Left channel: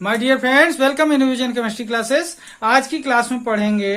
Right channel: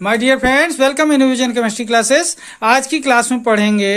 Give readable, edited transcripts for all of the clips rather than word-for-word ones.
My dear friends, welcome innovation chemistry classes. आज की class में पढ़ेंगे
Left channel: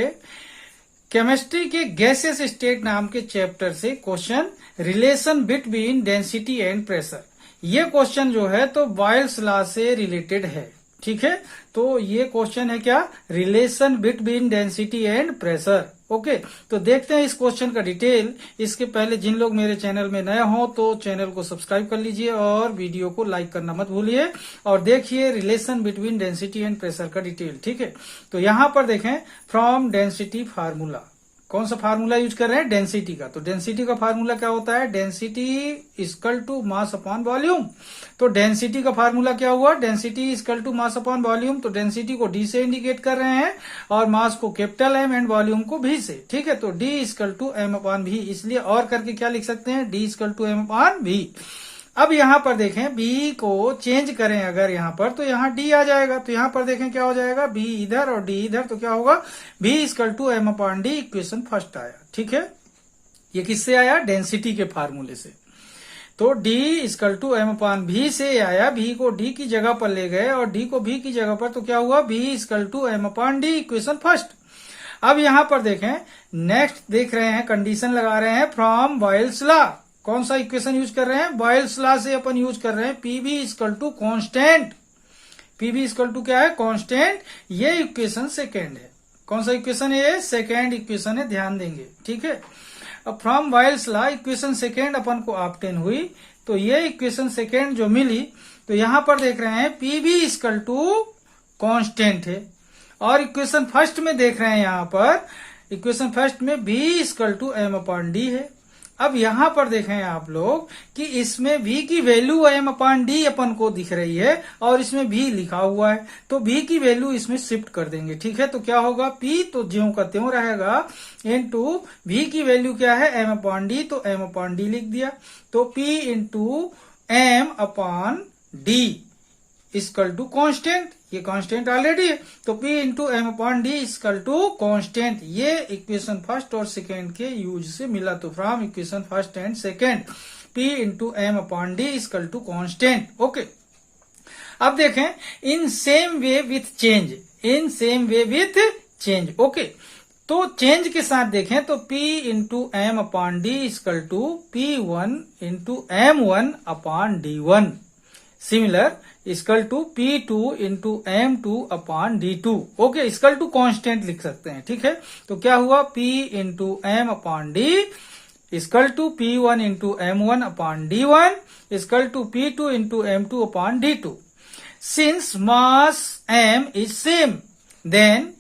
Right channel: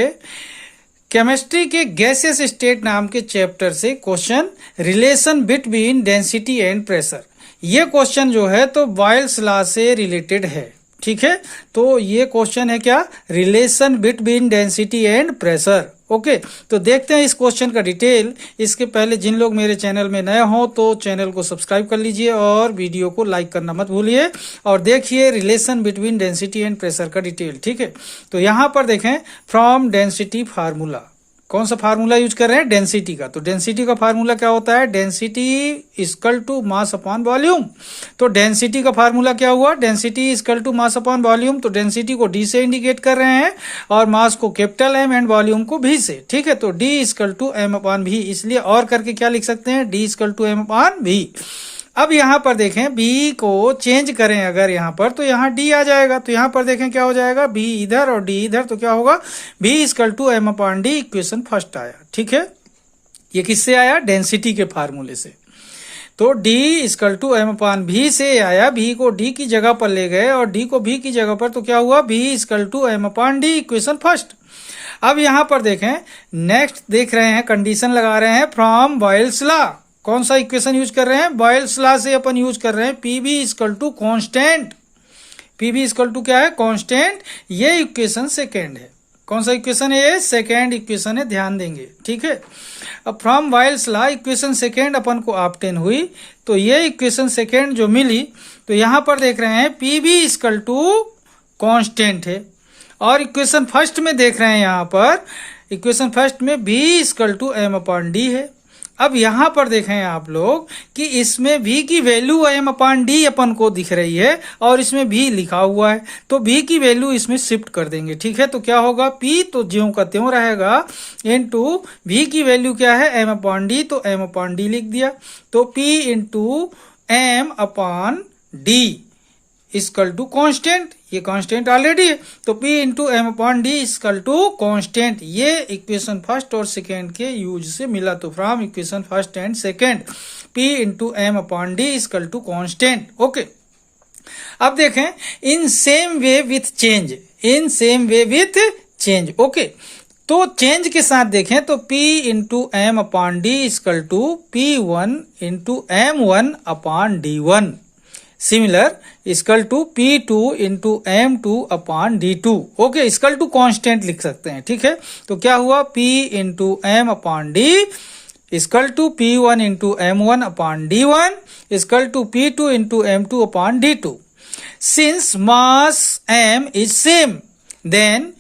केमिस्ट्री के गैसियस स्टेट नाम के चैप्टर से question relation between density and pressure. ये क्वेश्चन जो है तो बॉयल्स लॉ से रिलेटेड है। ठीक है, तो ये क्वेश्चन है क्या, relation between density and pressure. Okay, तो देखते हैं इस क्वेश्चन का डिटेल। इसके पहले जिन लोग मेरे चैनल में नए हो तो चैनल को सब्सक्राइब कर लीजिए और वीडियो को लाइक करना मत भूलिए और देखिए relation between density and pressure का डिटेल। ठीक है, तो यहां पर देखें फ्रॉम डेंसिटी फार्मूला, कौन सा फार्मूला यूज कर रहे हैं, डेंसिटी का। तो डेंसिटी का फार्मूला क्या होता है, density equal to mass upon volume. तो डेंसिटी का फार्मूला क्या हुआ, density equal to mass upon volume. तो डेंसिटी को डी से इंडिकेट कर रहे हैं और मास को कैपिटल एम एंड वॉल्यूम को भी से। ठीक है, तो D equal to M upon V, इसलिए और करके क्या लिख सकते हैं, D equal to M upon V. अब यहां पर देखें b को चेंज करें अगर यहां पर, तो यहां d आ जाएगा। तो यहां पर देखें क्या हो जाएगा, b इधर और d इधर, तो क्या होगा, b equal to M upon D. Equation first आया। ठीक है, ये किससे आया, डेंसिटी के फार्मूले से। तो d equal to M upon V से आया, b को d की जगह पर ले गए और d को b की जगह पर, तो क्या हुआ, b equal to M upon D. Equation first. अब यहां पर देखें नेक्स्ट देख रहे हैं, कंडीशन लगा रहे हैं फ्रॉम बॉयल्स लॉ। कौन सा इक्वेशन यूज कर रहे हैं, बॉयल्स लॉ से अपन यूज कर रहे हैं PB equal to constant. PB equal to क्या है, कॉन्स्टेंट। ये इक्वेशन सेकेंड है। कौन सा इक्वेशन है, ये सेकेंड इक्वेशन है, ध्यान देंगे। ठीक है, अब from Boyle's law equation second अपन को ऑब्टेन हुई। तो ये इक्वेशन सेकेंड जो मिली, तो यहां पर देख रहे हैं पीबी इक्वल टू कॉन्स्टेंट है और इक्वेशन फर्स्ट में देख रहे हैं यहां पर इक्वेशन फर्स्ट में B equal to M upon D है। अब यहां पर देखें आप लोग कि इसमें v की वैल्यू एम अपॉन डी अपन को दिख रही है और इसमें v लिखा हुआ है, तो v की वैल्यू इसमें शिफ्ट कर देंगे। ठीक है, तो क्या होगा, p तो ज्यों का त्यों रहेगा इनटू v की वैल्यू क्या है, m अपॉन डी, तो m अपॉन डी लिख दिया। तो p into M upon D equal to constant, ये कांस्टेंट ऑलरेडी है, तो P into M upon D equal to constant. ये इक्वेशन फर्स्ट और सेकेंड के यूज से मिला। तो from equation first and second P into M upon D equal to constant. Okay, अब देखें in same way with change, in same way with change. Okay, तो change के साथ देखें तो P into M upon D equal to P1 into M1 upon D1 similar equal to P2 into M2 upon D2। Okay, equal to constant लिख सकते हैं। ठीक है, तो क्या हुआ, P into M upon D equal to P1 into M1 upon D1 equal to P2 into M2 upon D2। Since mass M is same, then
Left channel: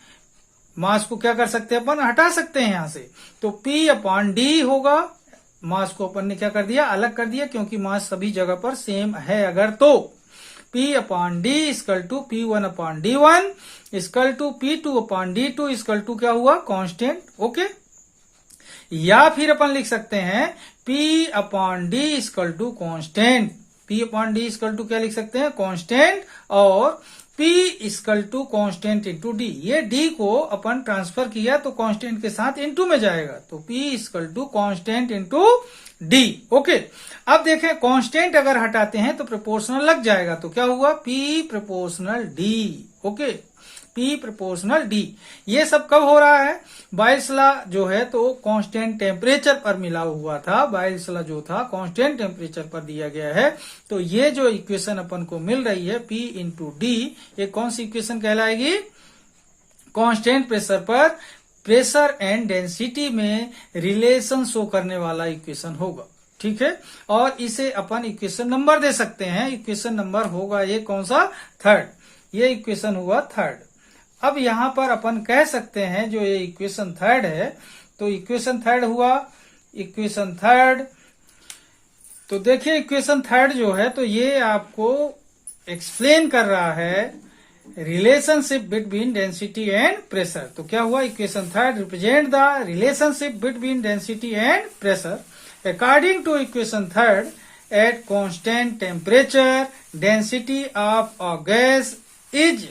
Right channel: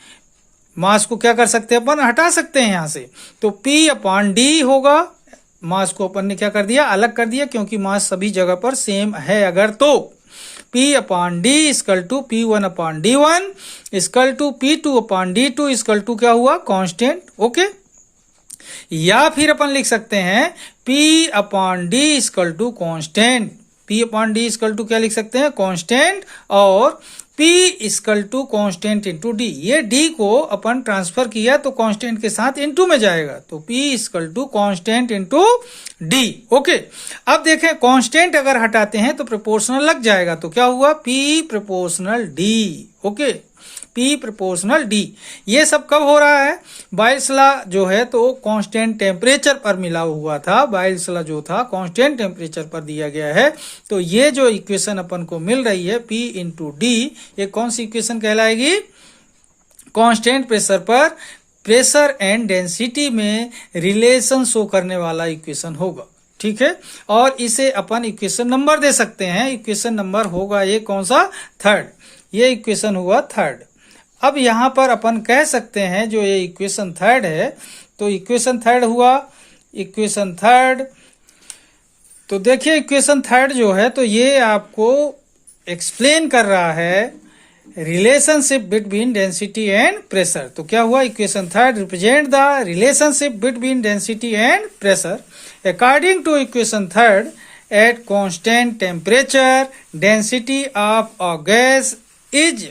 mass को क्या कर सकते हैं अपन, हटा सकते हैं यहां से। तो P अपॉन डी होगा, मास को अपन ने क्या कर दिया, अलग कर दिया, क्योंकि मास सभी जगह पर सेम है अगर तो। P upon D equal to P1 upon D1 equal to P2 upon D2 equal to क्या हुआ, कांस्टेंट। ओके, या फिर अपन लिख सकते हैं P upon D equal to constant. P upon D equal to क्या लिख सकते हैं, कांस्टेंट, और P equal to constant into D. ये D को अपन ट्रांसफर किया तो कांस्टेंट के साथ इंटू में जाएगा, तो P equal to constant into D। Okay, अब देखें कांस्टेंट अगर हटाते हैं तो प्रोपोर्शनल लग जाएगा, तो क्या हुआ, P proportional D। Okay, P proportional D। ये सब कब हो रहा है, बॉयल्स लॉ जो है तो कांस्टेंट टेम्परेचर पर मिला हुआ था। बॉयल्स लॉ जो था कांस्टेंट टेम्परेचर पर दिया गया है। तो ये जो इक्वेशन अपन को मिल रही है P इंटू डी, ये कौन सी इक्वेशन कहलाएगी, कांस्टेंट प्रेशर पर प्रेशर एंड डेंसिटी में रिलेशन शो करने वाला इक्वेशन होगा। ठीक है, और इसे अपन इक्वेशन नंबर दे सकते हैं। इक्वेशन नंबर होगा ये कौन सा, थर्ड। ये इक्वेशन हुआ थर्ड। अब यहां पर अपन कह सकते हैं जो ये इक्वेशन थर्ड है, तो इक्वेशन थर्ड हुआ, इक्वेशन थर्ड। तो देखिए इक्वेशन थर्ड जो है तो ये आपको एक्सप्लेन कर रहा है relationship between density and pressure. तो क्या हुआ, equation third represent the relationship between density and pressure. According to equation third, at constant temperature density of a gas is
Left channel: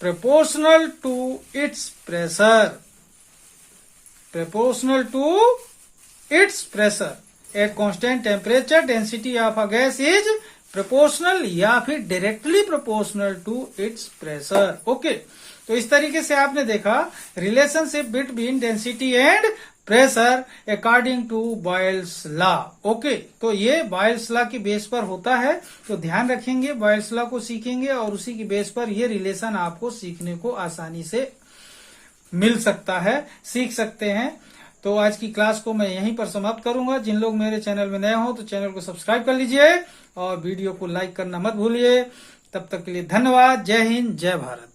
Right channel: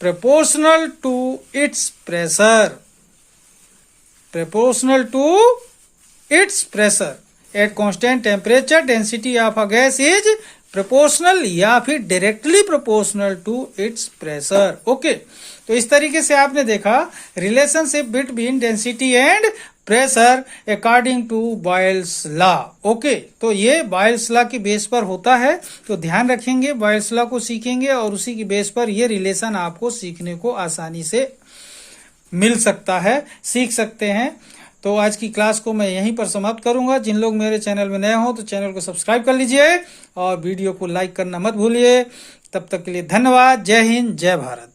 proportional to its pressure, proportional to its pressure at constant temperature density of a gas is proportional या फिर directly proportional to its pressure. Okay, तो इस तरीके से आपने देखा relationship between density and pressure according to Boyle's law. Okay, तो ये बॉयल्स लॉ की बेस पर होता है, तो ध्यान रखेंगे, बॉयल्स लॉ को सीखेंगे और उसी की बेस पर ये रिलेशन आपको सीखने को आसानी से मिल सकता है, सीख सकते हैं। तो आज की क्लास को मैं यहीं पर समाप्त करूंगा। जिन लोग मेरे चैनल में नए हो तो चैनल को सब्सक्राइब कर लीजिए और वीडियो को लाइक करना मत भूलिए। तब तक के लिए धन्यवाद। जय हिंद, जय भारत।